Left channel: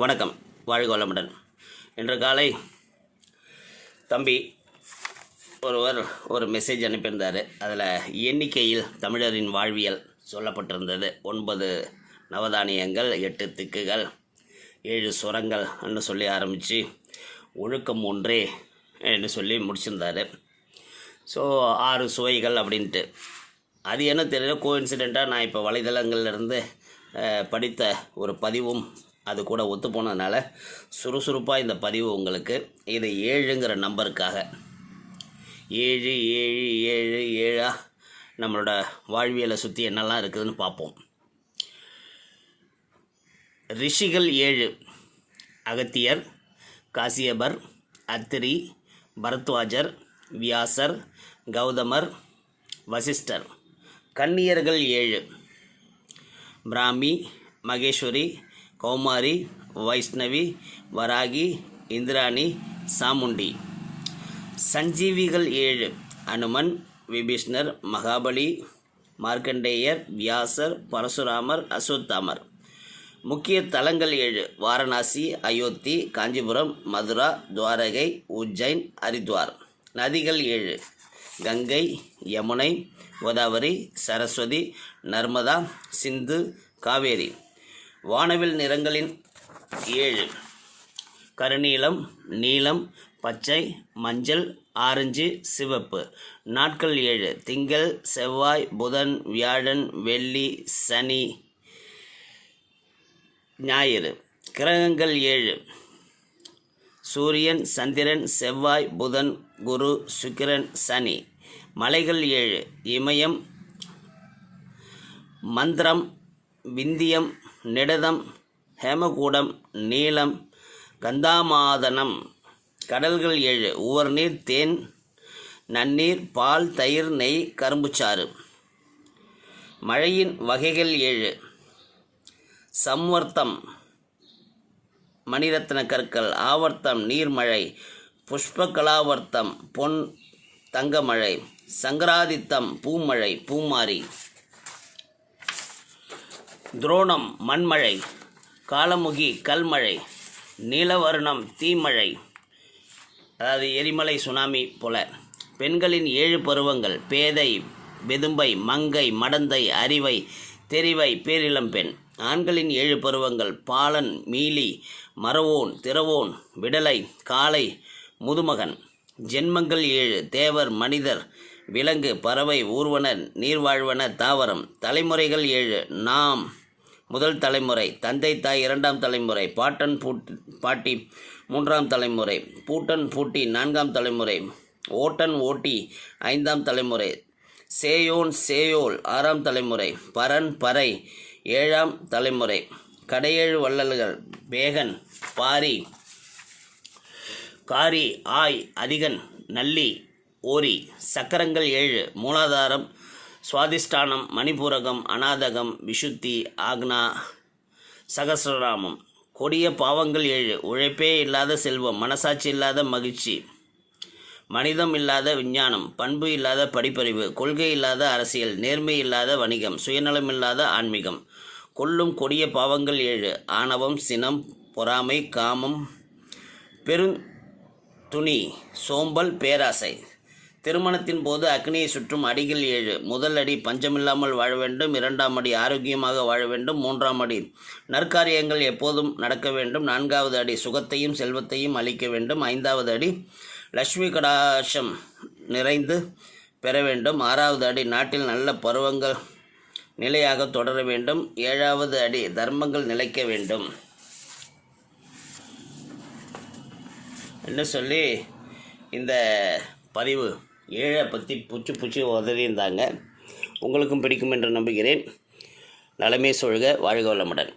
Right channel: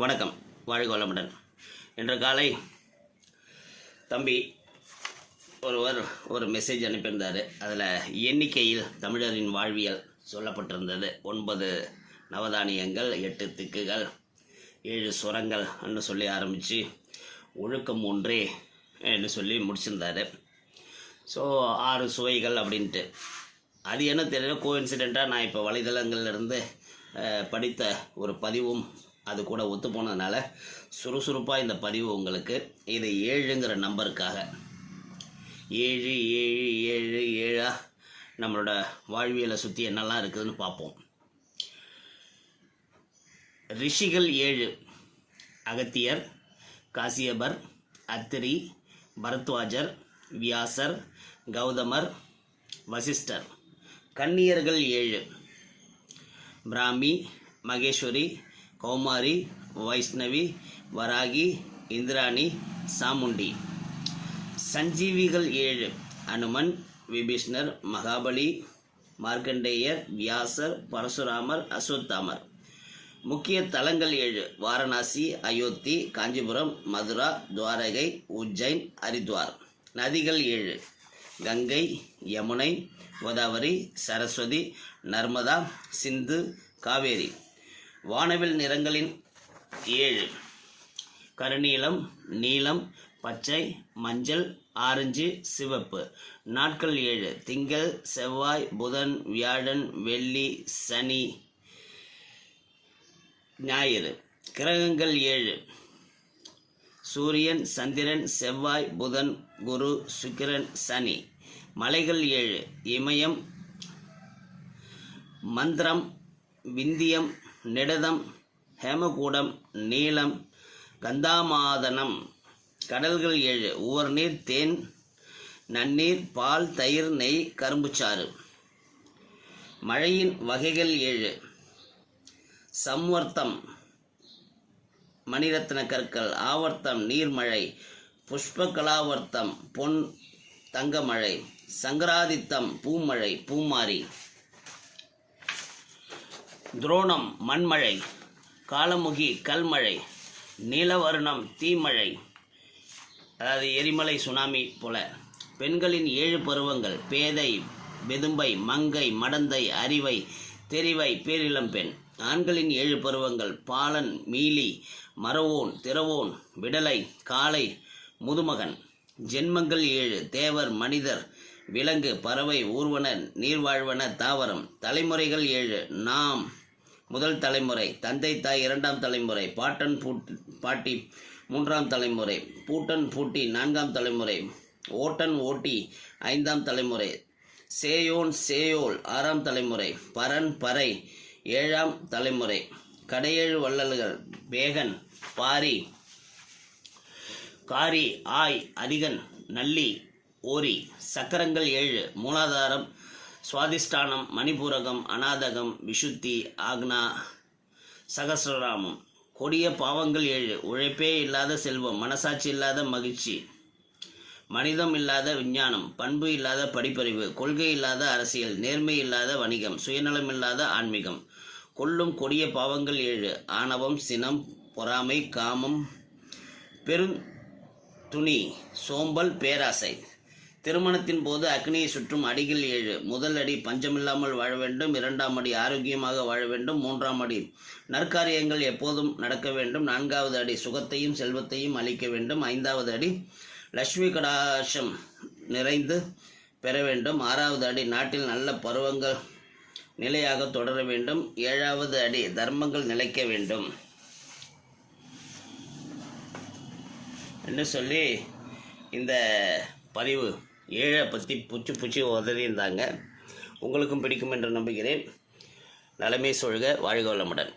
வணக்கம், வாழ்க வளமுடன். இன்று காலை தம்பி ஒருவர் ஒரு மெசேஜ் அனுப்பியிருந்தார். அதில் எண்ணிக்கையில் தமிழரின் வாழ்வியல் சொல்லப்பட்டிருந்தது. 9 நவதானியங்கள், 8 திக்குகள், 7 சுரங்கள் என்று சொல்லி ஆரம்பித்து ஒழுக்கம் ஒன்றே என்று சொல்லி முடிச்சிருந்தார். ஸோ 6 சுவைகள் அப்படின்ட்டு. அது என்ன தெரியல, கோஇன்சிடெண்ட்டாக நான் இப்போ வலைதளங்கள்லேருந்து படித்த ஒரு பதிவும் அது கூட ஒத்து போனதுனால சுறுசுறுப்பாக இந்த பதிவு உங்களுக்கு. இது 7ங்கிற நம்பருக்காக 7 7 7 7 நம்மளோட வாழ்வியலை சுற்றி என்னெல்லாம் இருக்குதுன்னு பார்ப்போம். ரிஷிகள் 7: அகத்தியர், காசியபர், அத்திரி, பரத்வாஜர், வியாசர், கௌதமர், வசிஷ்டர். கன்னியர்கள் 7: பிராமி, மகேஸ்வரி, கௌமாரி, வைஷ்ணவி, வராகி, இந்திராணி, சாமுண்டி. சஞ்சீவிகள் 7: அனுமன், விபீஷ்ணர், மகாபலி, மார்க்கண்டேயர், வியாசர், பரசுராமர், அஸ்வத்தாமர். முக்கிய தலங்கள் 7: வாரணாசி, அயோத்தி, காஞ்சிபுரம், மதுரா, துவாரகை, உஜ்ஜைன், ஹரித்வார். நதிகள் 7: கங்கை, யமுனை, கோதாவரி, சரஸ்வதி, நர்மதா, சிந்து, காவேரி. வானவில் நிறங்களின் 7: கருநீலம், நீலம், பச்சை, மஞ்சள், ஆரஞ்சு, சிவப்பு. நாட்கள் 7: திங்கள், செவ்வாய், புதன், வியாழன், வெள்ளி, சனி, ஞாயிறு. கிரகங்கள் 7: சூரியன், சந்திரன், செவ்வாய், புதன், குரு, சுக்கிரன், சனி. மலைகள் 7: இமயம், மந்திரம், விந்தியம், நிடதம், ஹேமகூடம், நீலம், கந்தாமாதனம். கடல்கள் 7: உவர்நீர், தேன், நன்னீர், பால், தயிர், நெய், கரும்புச்சாறு. மழையின் வகைகள் 7: சம்வர்த்தம், மணிரத்ன கற்கள், ஆவர்த்தம், நீர்மழை, புஷ்பகலாவர்த்தம், பொன் தங்கமழை, சங்கராதித்தம், பூமழை, பூமாரி. துரோணம், மண்மழை, காலமுகி, கல்மழை, நீலவர்ணம், தீமழை, அதாவது எரிமலை, சுனாமி போல. பெண்களின் 7 பருவங்கள்: பேதை, வெதும்பை, மங்கை, மடந்தை, அறிவை, தெரிவை, பேரிளம்பெண். ஆண்களின் 7 பருவங்கள்: பாலன், மீலி, மறவோன், திறவோன், விடலை, காளை, முதுமகன். ஜென்மங்கள் 7: தேவர், மனிதர், விலங்கு, பறவை, ஊர்வன, நீர்வாழ்வன, தாவரம். தலைமுறைகள் 7: நாம் முதல் தலைமுறை, தந்தை தாய் 2ஆம் தலைமுறை, பாட்டன் பாட்டி 3ஆம் தலைமுறை, பூட்டன் பூட்டி 4ஆம் தலைமுறை, ஓட்டன் ஓட்டி 5ஆம் தலைமுறை, சேயோன் சேயோல் 6ஆம் தலைமுறை, பரன் பறை 7ஆம் தலைமுறை. கடையேழு வள்ளல்கள்: பேகன், பாரி, காரி, ஆய், அதிகன், நல்லி, ஓரி. சக்கரங்கள் 7: மூலாதாரம், சுவாதிஷ்டானம், மணிபூரகம், அநாதகம், விஷுத்தி, ஆக்னா, சகசிரநாமம். கொடிய பாவங்கள் 7: உழைப்பே இல்லாத செல்வம், மனசாட்சி இல்லாத மகிழ்ச்சி, மனிதம் இல்லாத விஞ்ஞானம், பண்பு இல்லாத படிப்பறிவு, கொள்கை இல்லாத அரசியல், நேர்மை இல்லாத வணிகம், சுயநலம் இல்லாத ஆன்மீகம். கொல்லும் கொடிய பாவங்கள் 7: ஆணவம், சினம், பொறாமை, காமம், பெருந்துணி, சோம்பல், பேராசை. திருமணத்தின் போது அக்னியை சுற்றும் அடிகள் 7: முதல் அடி பஞ்சமில்லாமல் வாழ வேண்டும், 2ஆம் அடி ஆரோக்கியமாக வாழ வேண்டும், 3ஆம் அடி நற்காரியங்கள் எப்போதும் நடக்க வேண்டும், 4வது அடி சுகத்தையும் செல்வத்தையும் அளிக்க வேண்டும், 5வது அடி லட்சுமி கடாட்சம் நிறைந்து பெற வேண்டும், 6வது அடி நாட்டில் நல்ல பருவங்கள் நிலையாக தொடர வேண்டும், 7வது அடி தர்மங்கள் நிலைக்க வேண்டும் என்று சொல்லி இந்த பதிவு 7 பற்றி புச்சு உதவியிருந்தாங்க. உங்களுக்கும் பிடிக்கும் என்று நம்புகிறேன். நலமே சொல்க, வாழ்க வளமுடன்.